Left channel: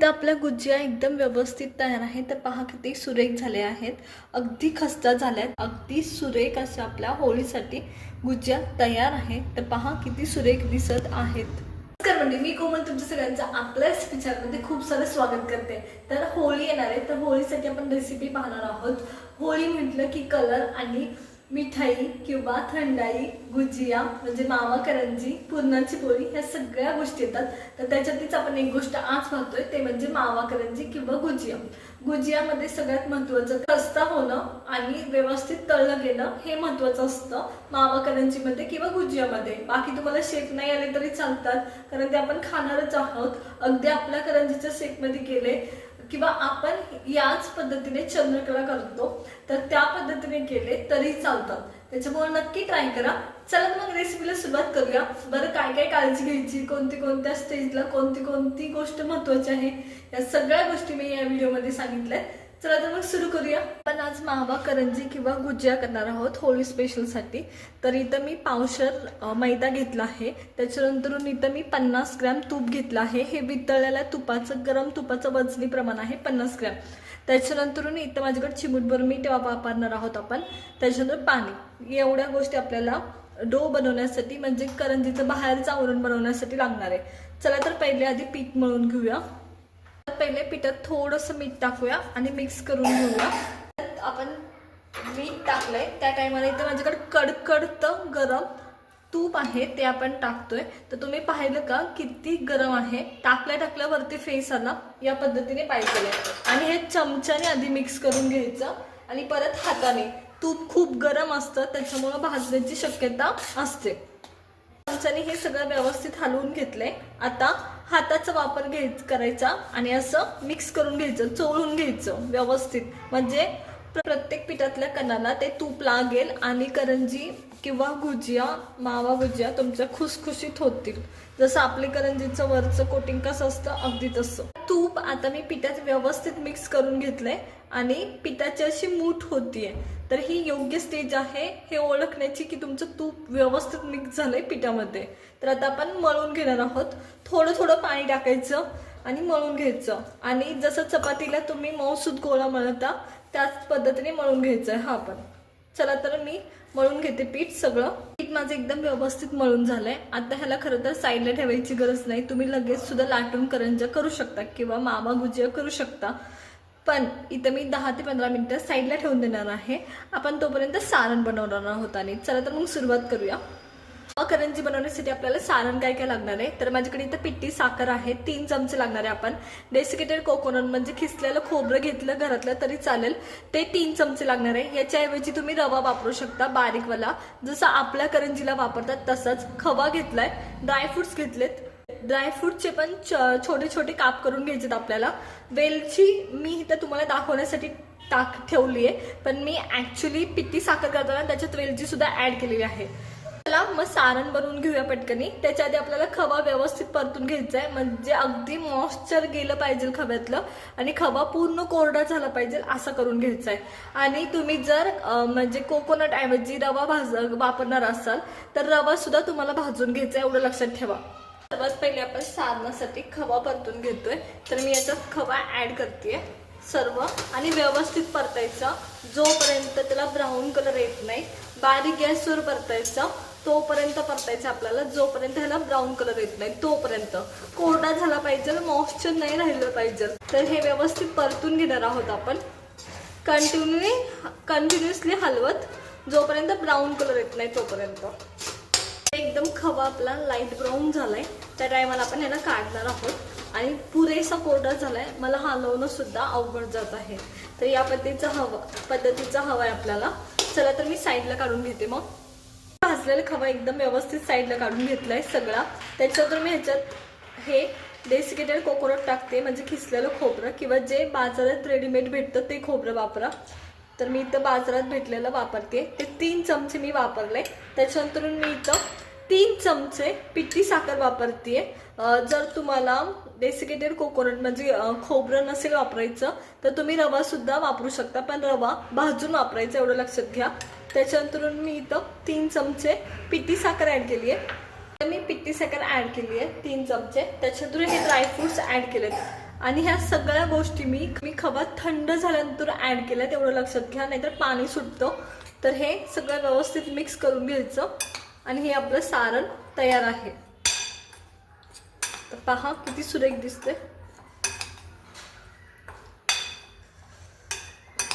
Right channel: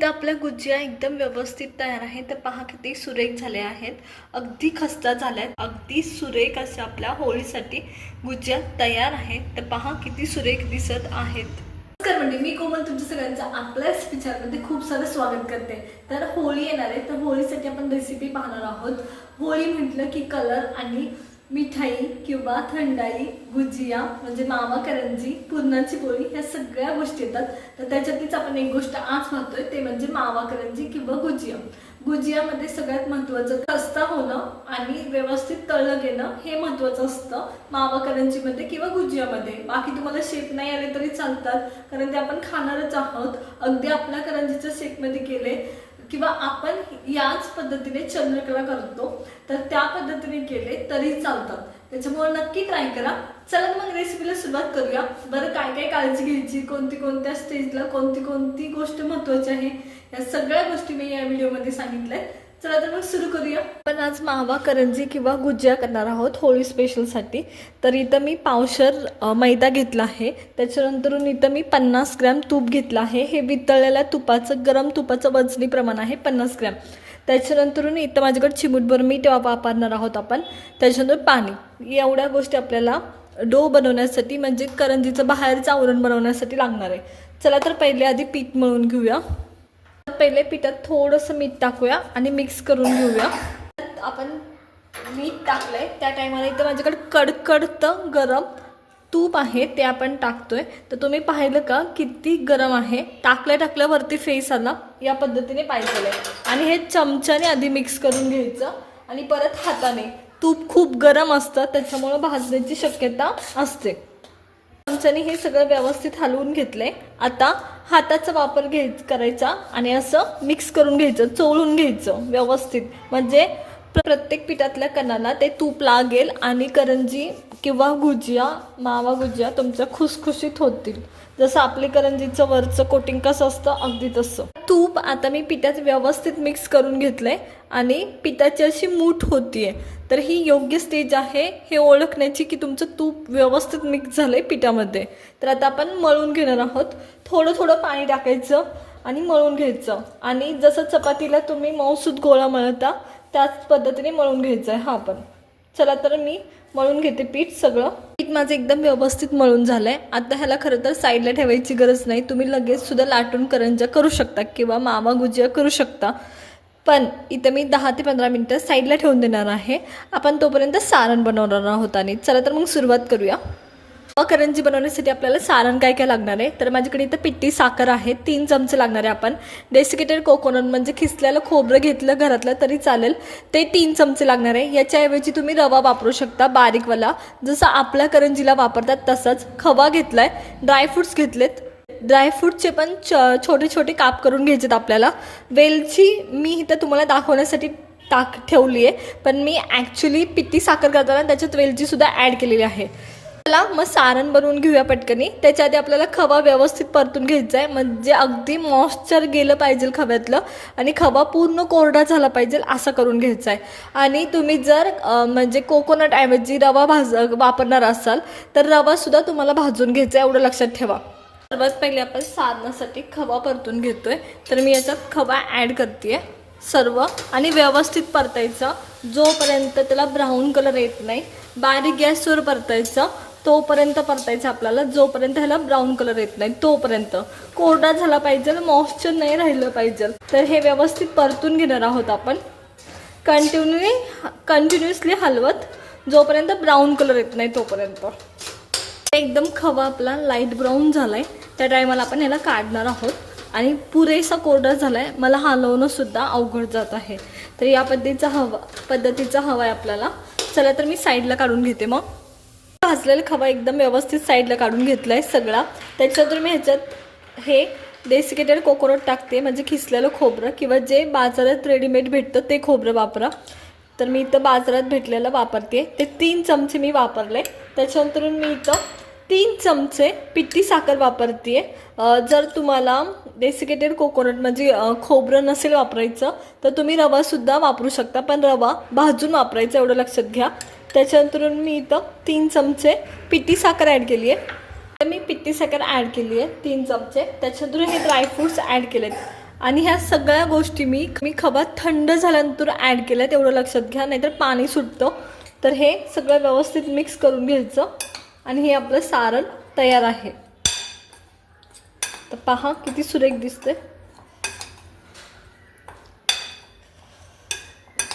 तर आपल्या गुजिया एकदम व्यवस्थित तयार आहे तर पहा किती सुरेख झाले आहेत. अगदी खस्ता झाल्या आहेत अगदी सुरेख अशा आपल्या होळीसाठी गुजिया तयार आहेत. तर पहा किती सुरेख दिसत आहेत. नमस्कार म्हणजे मी कोमल तुमच्या सगळ्यांचं आपल्या पिक्चरमध्ये खूप सारं स्वागत करते. तर होळी येणार आहे. तर होळीसाठी आपण रेसिपी पाहणार आहोत. होळी म्हटलं की कलर आणि मिठाई किंवा थंडाई गुजिया म्हणजे मावा करंजी पुरणाची पोळी ह्या सगळ्या गोष्टी येतात. तर त्याच्यातलीच आपण एक गोष्ट आज पाहतोय ते म्हणजे मावा करंजी किंवा गुजिया. गुजियामध्ये सगळ्यात महत्त्वाचं खस्ता होणं आणि व्यवस्थित तळलं गेलं हे महत्त्वाचं असतं. मावा करंजीमध्ये किंवा गुजियामध्ये. बाकी तुम्हाला शेप नाही आले तरी चालतात कारण ते आपण खाणारच आहोत. अगदी आपल्या करंजीच्या शेपमध्ये केले किंवा आपण याच पद्धतीने चंद्रकला करतो तर त्या पद्धतीने केले तरी चालतात. त्याच्यामुळे नक्की ट्राय करा. चला मग रेसिपीला सुरुवात करूया. बरं काय काय काळजी घ्यायची? कोणती कोणत्या स्टेजला कोणती कोणती गोष्ट महत्वाची आहे? या सगळ्या गोष्टी मी या व्हिडिओमध्ये सांगितल्या चला तर मग सुरू करूया. पण आज मावा करंजी किंवा गुजिया करणार आहोत होळी स्पेशलसाठी तर इथं मी पावशर मैदा घेतला आहे. त्याच्यानंतरून इथं मी पन्नास ग्रॅम तूप घेतलं आहे. हे वितळलेल्या तुपाचं गरम तुपाचं वजनी प्रमाण आहे पन्नास ग्रॅम. त्याच्यानंतरून इथं माझ्याकडे चिमूटभर मीठ वापरणार आहोत आपण. त्याच्यानंतर पाणी. एवढ्या गोष्टी आपल्याला डो बनवण्यासाठी म्हणजे करंजीचं बाहेरचं आवरण बनवण्यासाठी लागणार आहे. चला तर पहिले आधी पीठ मळून घेऊया. पहिले पिठात थोडंसं मीठ टाकूया आणि मिक्स करून घेऊया. आपण मीठ टाकलंय. त्या टायमाला इथं माझ्याकडे कडकडतं गरम तूप आहे ते आपण टाकतोय. तर तुम्ही पाहिलं का किती गरम आहे? टाकल्या टाकल्यावरती फेस आला. या पद्धतीने पाहिजे आणि हे चमच्याने आधी मिक्स करून घ्यायचं आणि परत हाताने. तूप खूप गरम असतं त्याच्यामुळं भाजण्याची शक्यता असते. चमच्याने हे सगळं व्यवस्थित हलवून घेतलंय. आता हाताचा वापर घ्याय करायचा आणि असं मिक्स करून घ्यायचं चोळून घ्यायचं व्यवस्थित. म्हणजे प्रत्येक पिठातल्या कणांना ते तूप लागेल आणि करंजी किंवा गुजिया मावा गुजिया तुमच्या खुसखुशीत होतील. जसं आपली करंजीचं वरचं कोटिंग कसं असतं अगदी तसं. तूप आता मी पिठात व्यवस्थित मिक्स करून घेतलंय आणि पिठाची अशी मूठ होतीये. तर ही योग्य स्टेज आहे हे ओळखण्याची की तुमचं तूप व्यवस्थित मिक्स झालं आहे पिठामध्ये. तर आता आपण मळून घेणार आहोत. थोडं थोडं पाणी टाकायचं आणि मळून घ्यायचं. आणि जसं चपातीला तुम्ही मऊसूद गोळा मळता त्याच पद्धतीने मळून घ्यायचं आहे. हा पण चला तर मी मळून घेते पीठ सगळं. पीठ माझं एकदम व्यवस्थित मळून झालंय. आता ह्याला खरं तर साईडला ठेवायची गरज नाही. तुम्ही लगेच सुद्धा लाटून करंजा करू शकता किंवा मावा गुजिया करू शकता. पण इथं मी दहा ते पंधरा मिनटं साईडला ठेवून देणार आहे. आपण तोपर्यंत सारण बनवणार आहोत आणि चला तर मग सुरुवात करूया. करंजी बनवण्यासाठी आपल्याला सारण काय काय लागणार आहे? तर माझ्याकडे इथं पिट्टी साखर आहे. तीन चमचे लागणार आहे आपण. डेसिकेटेड कोकोनट म्हणजे खिसलेलं खोबरं घेतलं घरातलं तरी चालेल. ते तीन चमचे लागणार आहे. याच्याऐवजी तुम्ही रवा वापरू शकता बारीकवाला जसं आपल्या करंजीला वापरतात तसंच खवा घेतला आहे ड्रायफ्रुट्स घेतलेत. ड्रायफ्रूटचे पण च छोटे छोटे काप करून घ्यायचेत आपल्याला. वेलची मी इथं तुम्हाला दाखवण्यासाठी टाक ठेवली आहे पण मी ॲक्च्युली पिती साखर करताना त्याच्यात वेलचीसुद्धा ॲड केलेली आहे. चला मग सारण बनवून घेऊया पटकनी. त्याच्या आधी आपल्याला खवा व्यवस्थित परतून घ्यायचा आहे म्हणजे अगदी मॉइश्चर गेलं पाहिजे खव्यातलं आणि खवा पूर्ण कोरडा झाला पाहिजे असं करून घ्यायचा आहे आणि तुम्ही जर म्हणजे कोकोनट ऐवजी रवा भाज वापरणार असाल तर रवासुद्धा तुम्हाला भाजून घ्यायचा आहे एवढं लक्षात ठेवा. सर्वात पहिले आपण सारणासाठी खवा परतून घेतोय. तर मी याच्यात खवा ॲड करते सर्व आणि व्यवस्थित परतायचं. जोपर्यंत त्याला ब्राऊन कलर येत नाही बारीक गॅसवर परतायचं तोपर्यंत परतायचं आपल्याला. जोपर्यंत ह्याला ब्राऊन कलर येत नाही तोपर्यंत. कोरडा झाला पाहिजे मॉइश्चर नाही राहिलं पाहिजे. तर हे व्यवस्थित परतून घेणार आहोत आपण. कंटिन्यू कंटिन्युअसली हलवत. जोपर्यंत ब्राऊन कलर येत नाही तोपर्यंत. एकदम खवा आपला लाइट ब्राऊन झालाय. त्या टायमाला आपण ह्याला काढणार आहोत. आणि पुरेसा कोरडा झालाय. मला हलवणं सुद्धा अवघड जात आहे. तर या पद्धतीचा हवा पद्धतीचा हवा आहे आपल्याला. चला तर मी साईडला काढून घेते मग. भाजलेला खवा एकदम व्यवस्थित साईडला काढून घेतलाय सगळा. त्याच्यानंतर मी ह्याच्यात हे डेसिकेटेड कोकोनट टाकते. म्हणजे खिसलेलं खोबरं किंवा जे बाजारात रेडीमेड भेटतं ते खोबरं वापरा. तर मी इथं बाजारात भेटलेलं वापरते. ते तीन चमचे मी वापरले. त्याच्यानंतर मी इथं तीन चमचे पिठी साखर वापरते. जर तुम्हाला डेसिकेटेड कोकोनट म्हणजे खोबरं नसेल वापरायचं तर तुम्ही रवासुद्धा वापरू शकता. पण रवा भाजून वापरायचा एवढं लक्षात घ्या. त्याच्यानंतर मी इथं तीन चमचे पिठी साखर ॲड केली आहे. तर मी पिठी साखर ॲड केली आहे तीन चमचे. त्याच्यानंतर हे ड्रायफ्रूट्स ॲड केलेत. आणि ह्या सगळ्या गोष्टी मी मी खवा थंड झाल्यानंतर ॲड केल्या तेवढं लक्षात घ्या नाहीतर पाणी सुटतं. तर हे सगळं व्यवस्थित मिक्स करून घ्यायचं आणि हे आपलं सारण तयार आहे. तर पहा किती सुरेख दिसते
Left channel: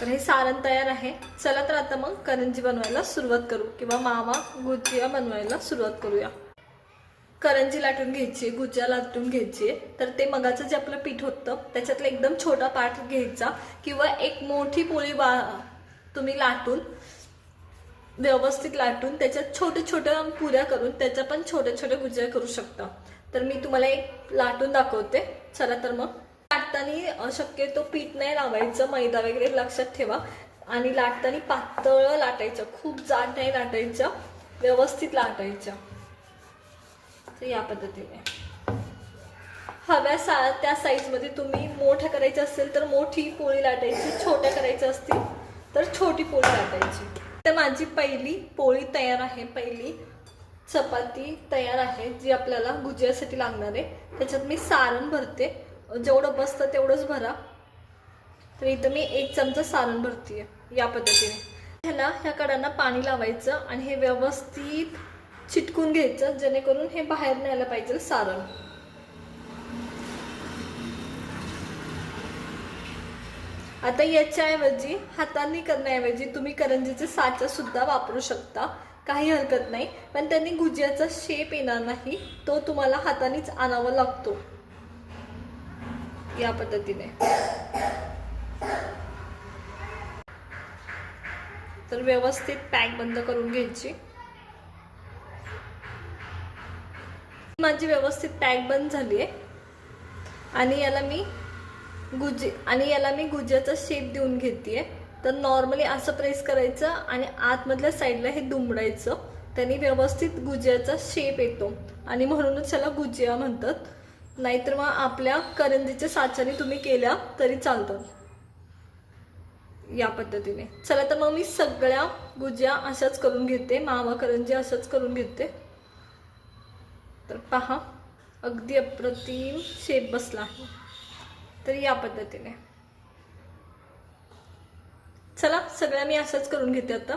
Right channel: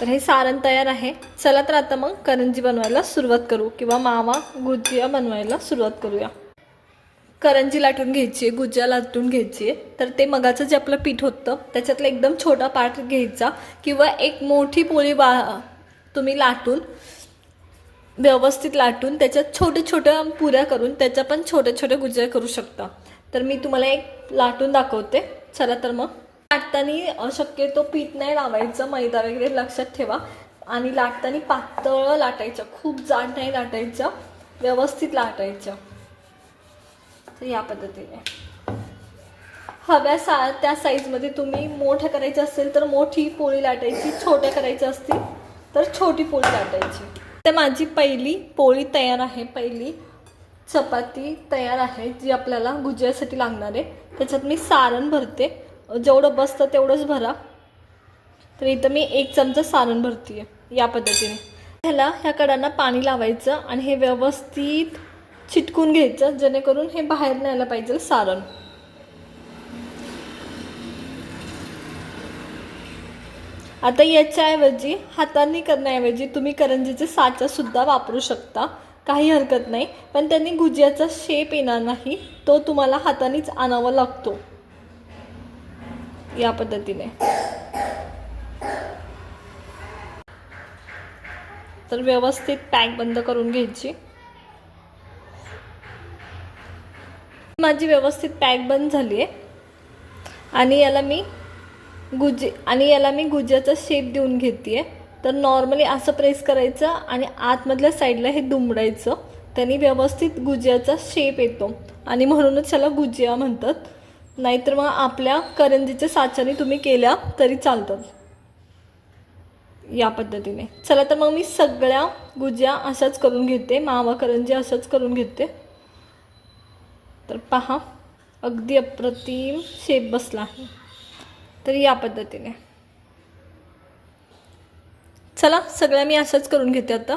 तर हे सारण तयार आहे. चला तर आता मग करंजी बनवायला सुरुवात करू किंवा मावा गुजिया बनवायला सुरुवात करूया. करंजी लाटून घ्यायची आहे गुज्जा लाटून घ्यायची. आहे तर ते मगाचं जे आपलं पीठ होतं त्याच्यातला एकदम छोटा पार्ट घ्यायचा किंवा एक मोठी पोळी बा तुम्ही लाटून व्यवस्थित लाटून त्याच्यात छोट्या छोट्या पुऱ्या करून त्याच्या पण छोट्या छोट्या गुजिया करू शकता. तर मी तुम्हाला एक लाटून दाखवते. चला तर मग. लाटताना शक्यतो पीठ नाही लावायचं मैदा वगैरे लक्षात ठेवा. आणि लाटताना पातळ लाटायचं खूप जाड नाही लाटायचं व्यवस्थित लाटायचं. तर या पद्धतीने. हव्या सा त्या साईजमध्ये तुम्ही मोठं करायचं असेल तर मोठी पोळी लाटायची छोट्या करायच्या असतील तर छोटी पोळी लाटायची. तर माझी पहिली पोळी तयार आहे पहिली चपाती तयार आहे जी आपल्याला गुजियासाठी लागणार आहे. त्याच्यात मी सारण भरते. जेवढं बसतं तेवढंच भरा. तर इथं मी एक चमचा सारण भरते या पद्धतीने. ह्याला ह्या कडांना पाणी लावायचं आणि हे व्यवस्थित चिटकून घ्यायचं जेणेकरून हे बाहेर न्यायला पाहिजे सारण. आता याच्याऐवजी हातांनी करण्याऐवजी तुम्ही करंजीचे साचा सुद्धा वापरू शकता. काही हरकत नाही पण त्यांनी गुजियाचा शेप येणार नाही तो तुम्हाला हातानेच आणावा लागतो. या पद्धतीने. तर व्यवस्थित पॅक बंद करून घ्यायची. माझी व्यवस्थित पॅक बंद झाली आहे आणि याला मी गुजी आणि याला मी गुज्याचा शेप देऊन घेते तर नॉर्मली असं प्रेस करायचं आणि आतमधल्या साईडला हे दुमडायचं. त्यांनी व्यवस्थित गुजियाचा शेप येतो. आणि म्हणूनच याला गुजिया म्हणतात. नाहीतर मग आपल्या करंजीच्या साच्याने तुम्ही केल्या तरी चालतात या पद्धतीने. चला तर मग मी सगळ्या गुजिया अशाच करून घेते. मावा करंजी अशाच करून घेते. तर पहा अगदी अप्रतिम शेप बसला आहे. तर या पद्धतीने. चला सगळ्या मी अशाच करून घेते आता.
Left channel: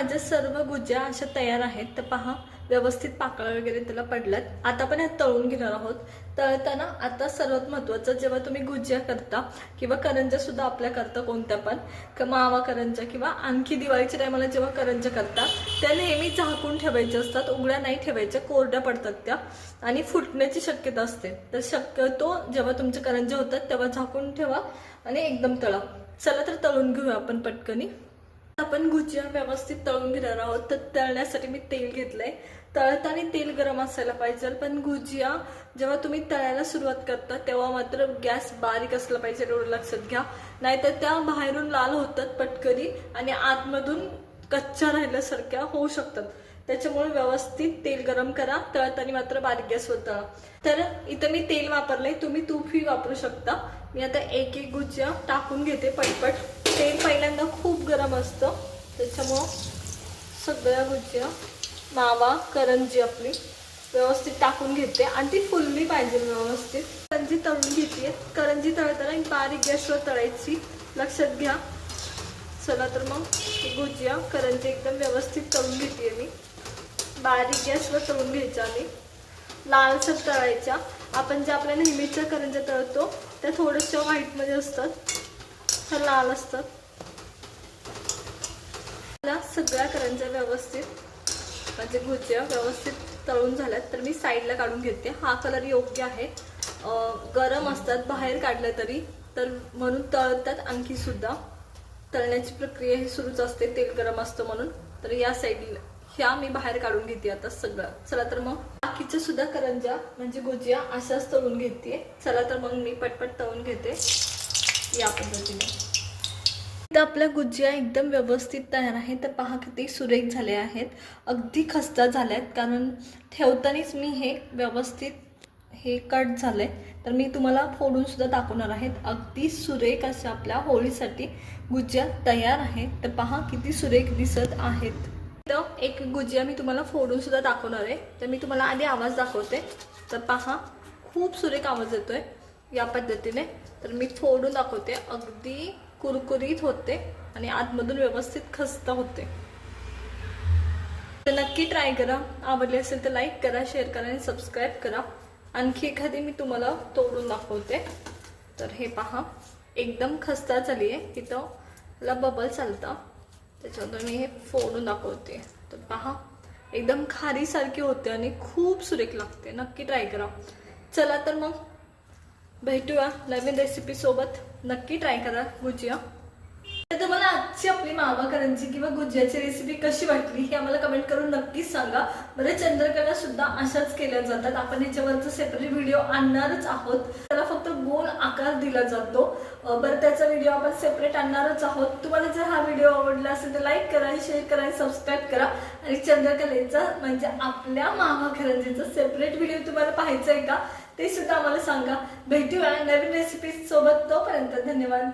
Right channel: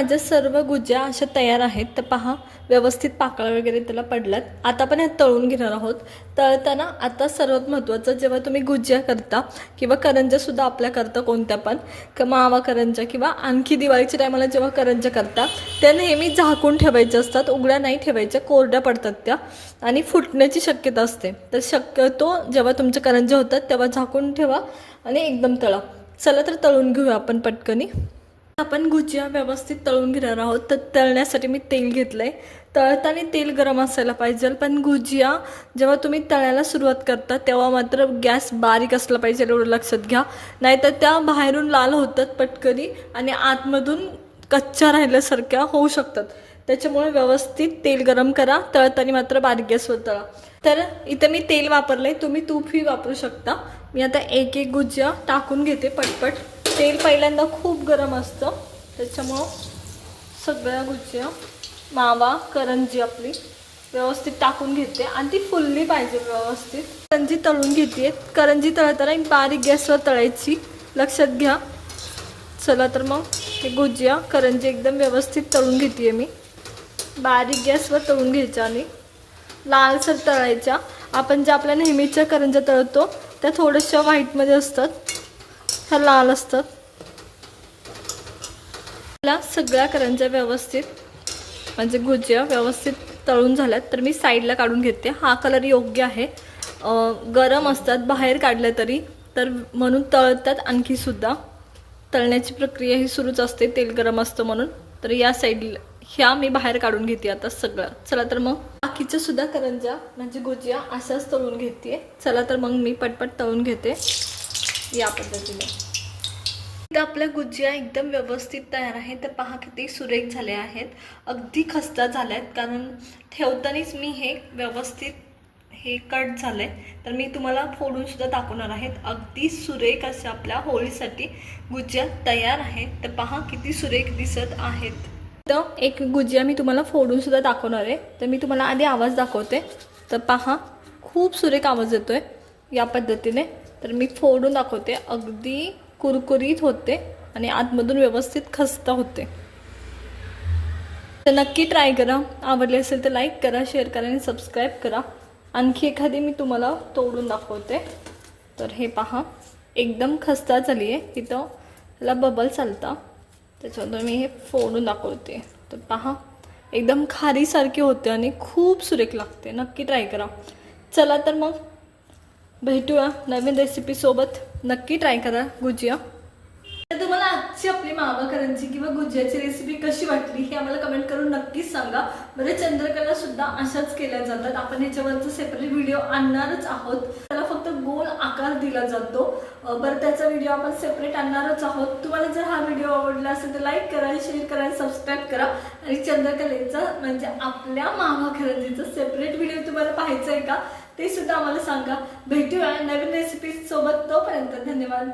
माझ्या सर्व गुज्या अशा तयार आहेत. तर पहा व्यवस्थित पाकळ्या वगैरे त्याला पडल्यात. आता पण ह्यात तळून घेणार आहोत. तळताना आता सर्वात महत्त्वाचं जेव्हा तुम्ही गुज्या करता किंवा करंज्यासुद्धा आपल्या करता कोणत्या पण क मावा करंज्या किंवा आणखी दिवाळीच्या टायमाला जेव्हा करंज्या करता त्या नेहमी झाकून ठेवायच्या असतात. उघड्या नाही ठेवायच्या कोरड्या पडतात त्या आणि फुटण्याची शक्यता असते. तर शक्यतो जेव्हा तुमच्या करंज्या होतात तेव्हा झाकून ठेवा आणि एकदम तळा. चला तर तळून घेऊया आपण पटकनी. आपण गुजिया व्यवस्थित तळून घेणार आहोत. तर तळण्यासाठी मी तेल घेतलंय. तळताना तेल गरम असायला पाहिजे पण गुजिया जेव्हा तुम्ही तळायला सुरुवात करता तेव्हा मात्र गॅस बारीक असला पाहिजे एवढं लक्षात घ्या. नाहीतर त्या बाहेरून लाल होतात पटकरी आणि आतमधून कच्च्या राहिल्यासारख्या होऊ शकतात. त्याच्यामुळे व्यवस्थित तेल गरम करा तळताना मात्र बारीक गॅसवर तळा. तर इथं मी तेल वापरलंय तुम्ही तूपही वापरू शकता. मी आता एक एक गुजिया टाकून घेते पटपट. तेल पहिल्यांदा खूप गरम असतं. त्याच्यामुळं सगळ्या गुजिया मावा करंजी आपली व्यवस्थित टाकून घेते. आणि ती फुलली पाहिजे व्यवस्थित. करंजी तळून घेते करंजी तळताना एक बारीक गॅसवर तळायची. लक्षात घ्या. चला तर मग हे गुजिया करंजी एकदम व्यवस्थित तळून घेते मी. बारीक गॅसवर तळून घ्यायच्या आणि लालसर तळायच्या. आपण ज्या आपल्या नेहमीच्या करंज्या तळतो त्या थोड्याशा व्हाईटमध्ये असतात. ह्या लाल असतात. मला सगळ्या करंज्या व्यवस्थित म्हणजे गुजिया व्यवस्थित तळून झाल्यात. तर मी साईडला काढून घेते. हा कलर योग्य आहे. गरम असतात बाहेर काढल्या तरी. तर म्हणून तळतात आणखी सुद्धा. तळण्याची प्रक्रिया ही सुरूच असते. तेल गरम असतं म्हणून. तर या साईडला ह्या मी बाहेर काढून घेते आता सगळं. चला तर मग. बाकीच्या सुद्धा करंजा म्हणजे गुजिया असाच तळून घेते. चला तर मग मी पटपट तळून घेते. या पद्धतीने. तर आपल्या गुजिया एकदम व्यवस्थित तयार आहे तर पहा किती सुरेख झाले आहेत. अगदी खस्ता झाल्या आहेत कारण ठेवतानाच मी हे व्यवस्थित हे कट झालं आहे तर मी तुम्हाला फोडूनसुद्धा दाखवणार आहेत. अगदी सुरेख अशा आपल्या होळीसाठी गुजिया तयार आहे तर पहा किती सुरेख दिसत आहेत. तर एक गुजिया मी तुम्हाला फोडून सुद्धा दाखवणार आहे. तर मी तुम्हाला आधी आवाज दाखवते. तर पहा खूप सुरेख आवाज येतोय या पद्धतीने. तर मी फोडून दाखवते. अगदी कुरकुरीत होते आणि आतमधून व्यवस्थित खस्ता होते. तर नक्की ट्राय करा. आवडले असेल तर लाईक करा शेअर करा आणि सबस्क्राईब करा. आणखी एखादी मी तुम्हाला तोडून दाखवते. तर हे पहा एकदम खस्ता झाली आहे इथं ह्याला बबल चालता. त्याच्यानंतर मी हे फोडून दाखवते. तर पहा एकदम खारीसारखे होते आणि खूप सुरेख लागते. नक्की ट्राय करा. चला तर मग भेटूया नवीन रेसिपीसोबत नक्की ट्राय करा गुजिया. आजची आपली मावा किंवा गुजियाची रेसिपी कशी वाटली हे आम्हाला कमेंट करून नक्कीच सांगा. बरं चंद्रकला सुद्धा अशाच केल्या जातात. आपण याच्यावरचं सेपरेट व्हिडिओ आणणारच आहोत. त्याला फक्त गोल आकार दिला जातो. बरं त्याचा व्हिडिओ आपण सेपरेट आणणारच आहोत. तुम्हाला जर हा व्हिडिओ आवडला असेल तर लाईक करा शेअर करा सबस्क्राईब करा. आणि चंद्रकलेचा म्हणजे आपल्या मामाकरंजीचा सेपरेट व्हिडिओ तुम्हाला पाहायचा आहे का ते सुद्धा आम्हाला सांगा. भेटूया नवीन रेसिपी सोबत. तोपर्यंत धन्यवाद.